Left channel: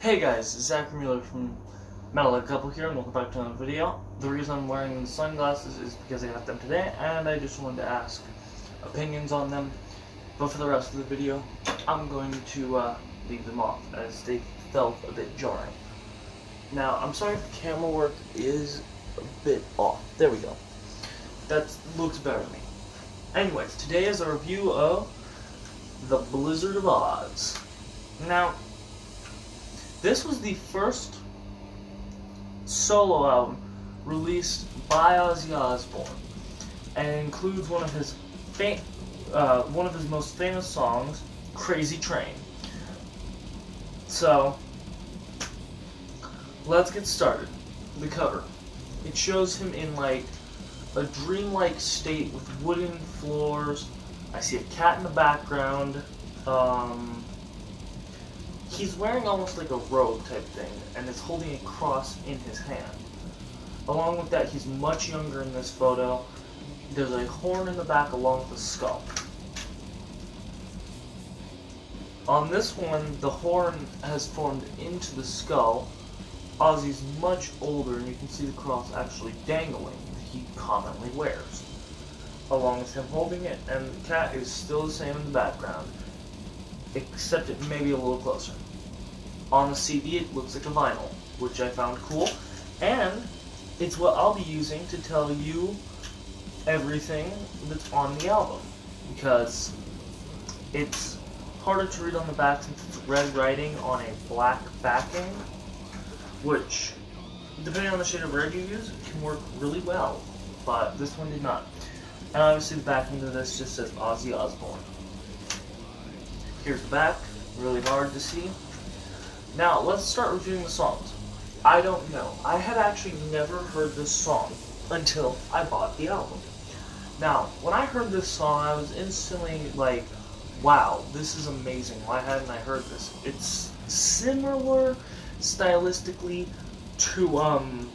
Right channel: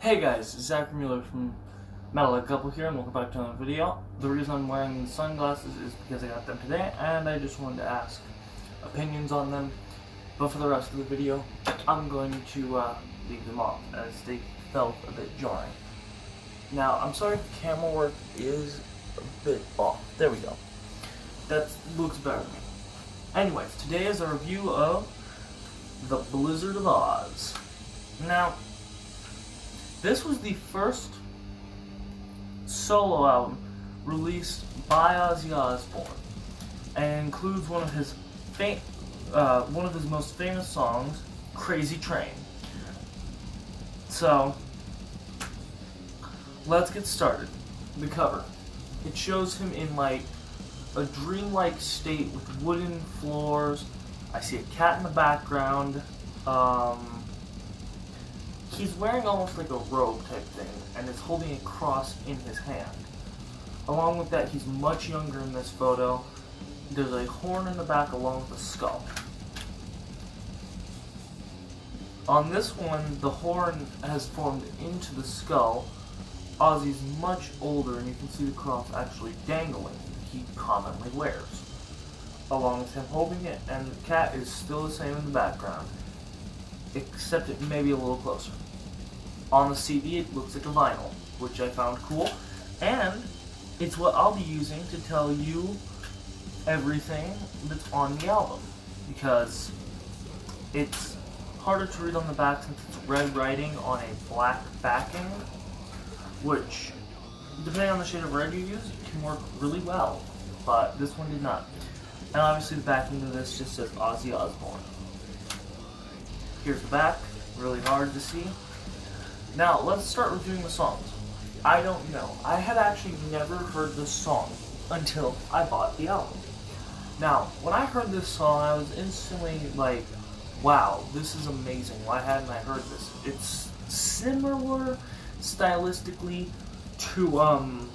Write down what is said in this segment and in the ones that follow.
Hey guys, Zach Mueller from Metal Couple here, and welcome back to another video. The reason I'm wearing sunglasses is because I got them today, and I just wanted to ask opinions on them. But for the rest of the video, I'm going to leave them off, as they felt a bit jarring. Now, I'm sorry if the camera work is a bit off. There we go. That looks better to me. Anyways, today is a review of The Blizzard of Oz. Now, this was the first solo album released by Ozzy Osbourne, and includes one of his most famous songs, "Crazy Train." So, let's get started. The cover. It shows him in like a dreamlike state with wooden floors. I see a cat in the background. He's wearing almost like a robe type thing, and is holding a cross in his hand. Along with that, he's much younger in this photo. There's a horn in the back along with a skull. On this one, the horn has formed into the skull. Ozzy's much older, and you can see the cross actually dangling that he commonly wears. Along with him holding it, and the cat is still the same in the background, except it may be a little closer. On the CD, it looks like a vinyl, which I found cool, and it's what I'll be using to tell you everything that's on the album, because it's harder to read on the back since it's red writing on a black backing, which, depending on the shade of red you use, can work really well, but this one did not. And obviously the backing of this just says Ozzy Osbourne. Here's the back, really hard to see. Now, let's start reviewing the songs. I don't know. I had actually never heard this song until I bought the album. Now, when I heard this song, I was instantly like, wow, this is amazing. Why hadn't I heard this? It's similar stylistically to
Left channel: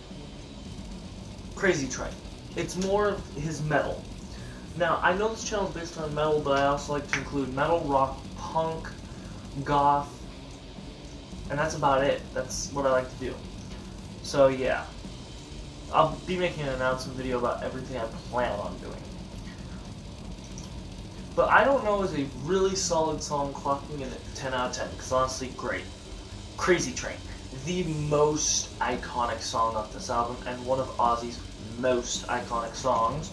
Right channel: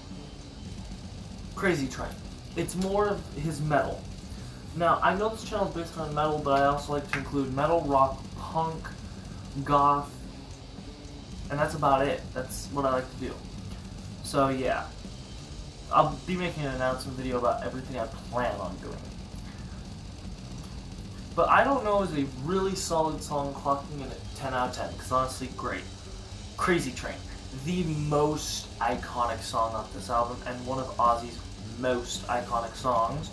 Crazy Train. It's more of his metal. Now, I know this channel is based on metal, but I also like to include metal, rock, punk, goth, and that's about it. That's what I like to do. So yeah, I'll be making an announcement video about everything I plan on doing. But I Don't Know is a really solid song, clocking in at 10 out of 10, because honestly, great. Crazy Train, the most iconic song of this album, and one of Ozzy's most iconic songs.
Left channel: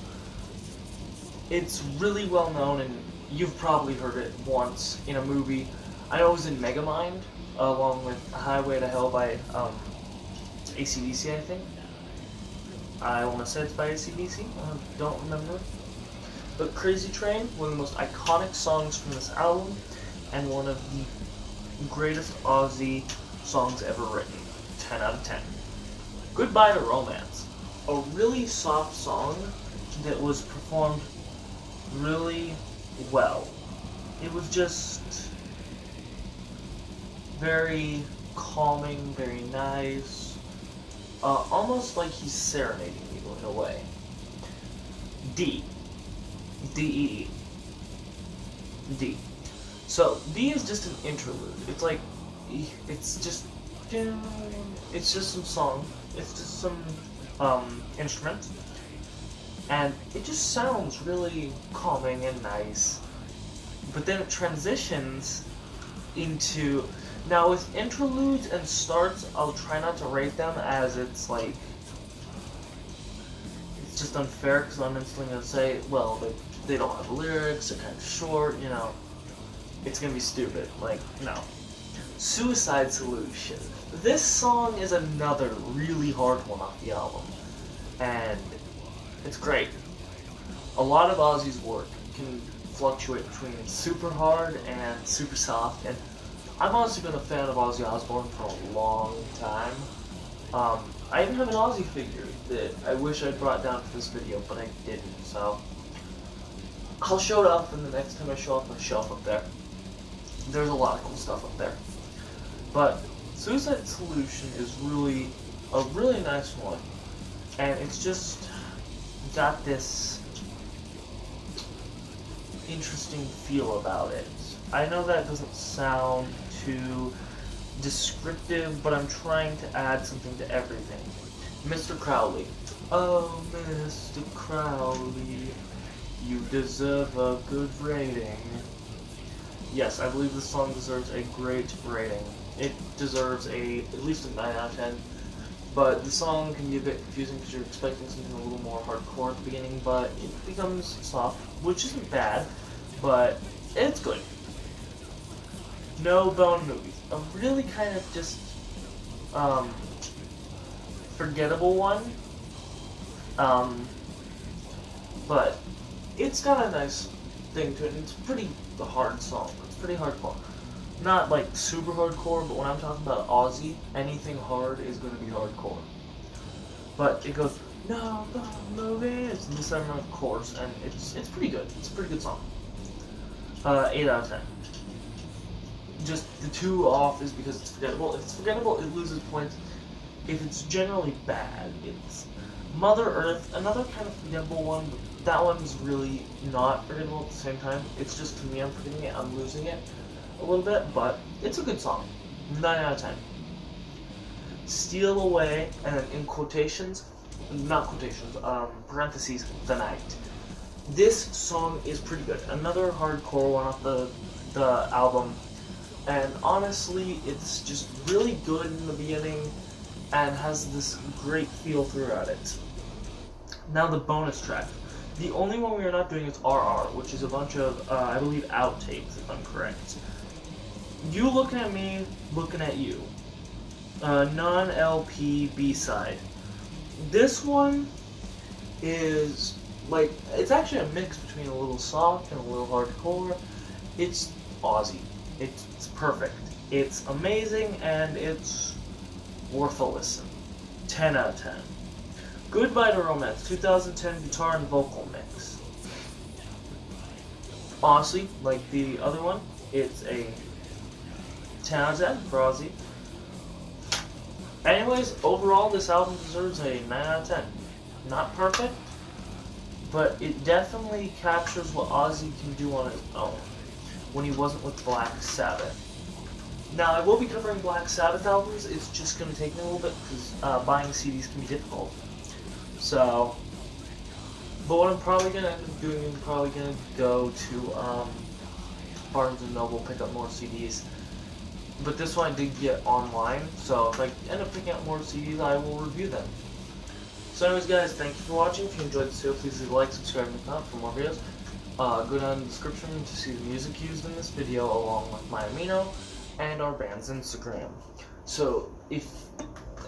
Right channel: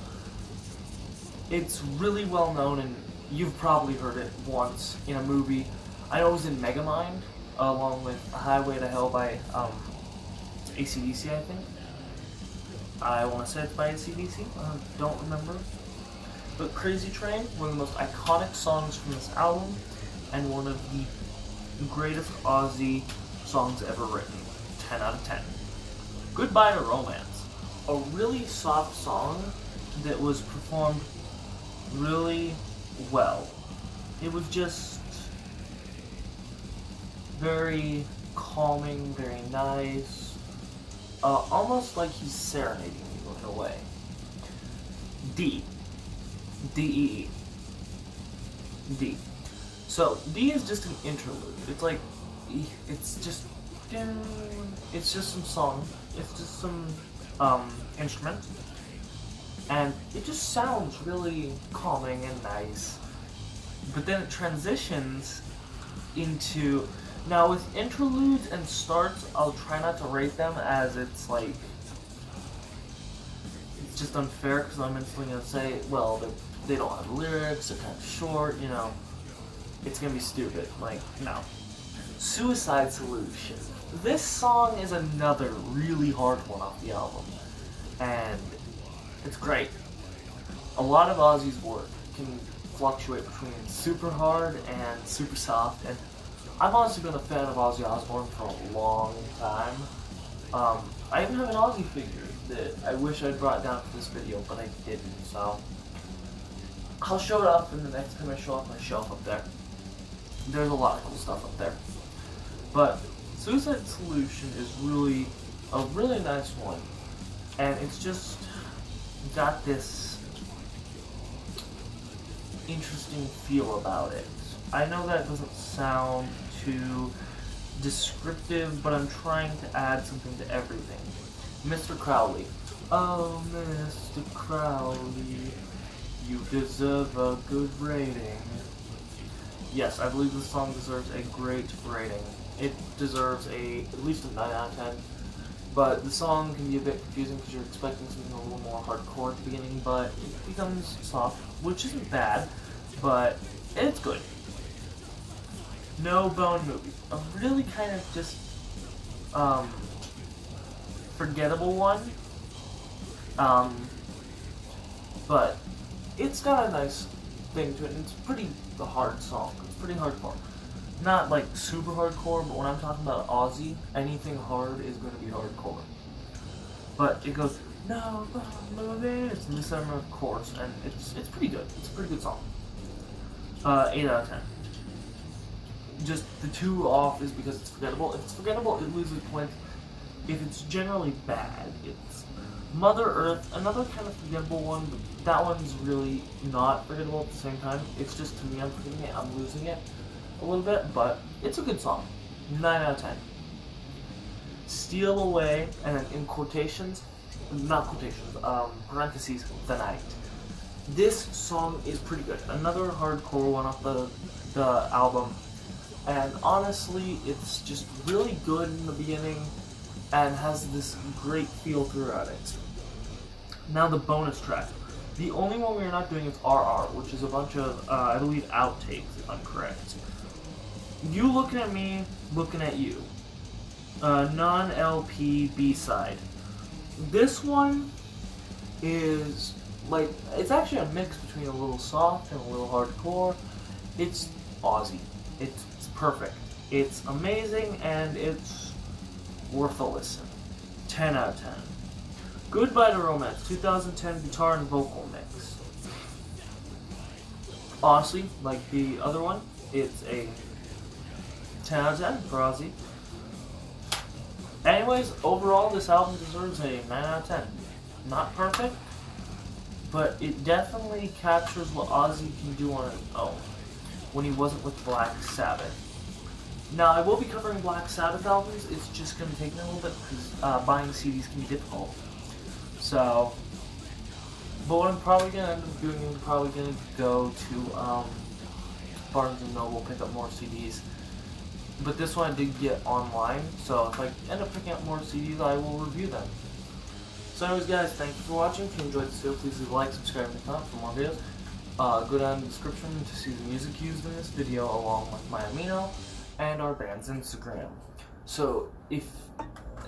It's really well known, and you've probably heard it once in a movie. I know it was in Megamind, along with Highway to Hell by AC/DC, I think. I want to say it's by AC/DC, I don't remember. But Crazy Train, one of the most iconic songs from this album, and one of the greatest Ozzy songs ever written. 10 out of 10. Goodbye to Romance, a really soft song that was performed really well. It was just very calming, very nice, almost like he's serenading you in a way. D-E-E. D. So, D is just an interlude. It's like, it's just some song, it's just some instruments, and it just sounds really calming and nice. But then it transitions into, now with interludes and starts, I'll try not to rate them, as it's like, it's just unfair, because I'm instantly going to say, well, they don't have lyrics, they're kind of short, you know, it's going to be stupid. Like, no. Suicide Solution. This song is another really hard one off the album, and it's great. A lot of Ozzy's work can fluctuate between super hard and super soft, and I've honestly been a fan of Ozzy Osbourne for a long time. I even have an Ozzy figure that I wish I'd brought down for this video, but I didn't, so I'll show it off in the next time I show off my shelf up there. There's a lot of cool stuff up there. But Suicide Solution is really a really nice one, and it's just got this interesting feel about it. I know that doesn't sound too descriptive, but I'm trying to add something to everything. Mr. Crowley. Oh, Mr. Crowley, you deserve a good rating. Yes, I believe this song deserves a great rating. It deserves at least a 9 out of 10. But the song can be a bit confusing because you're expecting something a little more hardcore at the beginning, but it becomes soft, which isn't bad, but it's good. No Bone Movie. A really kind of just, forgettable one. But it's got a nice thing to it, and it's a pretty hard song. It's pretty hardcore. Not like super hardcore, but when I'm talking about ozzy, anything hard is going to be hardcore. But it goes, no, movie. It's in December, of course, and it's pretty good. It's a pretty good song. 8 out of 10. Just the 2 off is because it's forgettable. If it's forgettable, it loses points. If it's generally bad, it's Mother Earth, another kind of forgettable one, but that one's really not forgettable at the same time. It's just, to me, I'm forgetting it, I'm losing it a little bit, but it's a good song. 9 out of 10. Steal Away, and then in quotations, not quotations, parentheses, The Night. This song is pretty good. Another hardcore one off the album, and honestly, it's just really good in the beginning, and has this great feel throughout it. Now the bonus track. The only one we are not doing is RR, which is a bunch of, I believe, outtakes, if I'm correct. You looking at me, looking at you. Non-LP B-side. This one is, like, it's actually a mix between a little soft and a little hardcore. It's ozzy. It's perfect. It's amazing, and it's worth a listen. 10 out of 10. Goodbye to Romance, 2010 guitar and vocal mix. Honestly, like the other one, it's a 10 out of 10 for Ozzy. Anyways, overall, this album deserves a 9 out of 10. Not perfect, but it definitely captures what Ozzy can do on his own when he wasn't with Black Sabbath. Now, I will be covering Black Sabbath albums. It's just going to take me a little bit because buying CDs can be difficult. So, but what I'm probably going to end up doing is probably going to go to Barnes & Noble, pick up more CDs. But this one I did get online, so if I end up picking up more CDs, I will review them. So anyways, guys, thank you for watching. If you enjoyed this video, please leave a like, subscribe, and comment for more videos. Go down in the description to see the music used in this video, along with my amino and our band's Instagram. So,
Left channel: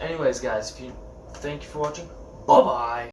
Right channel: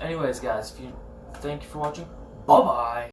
anyways, guys, thank you for watching. Bye-bye!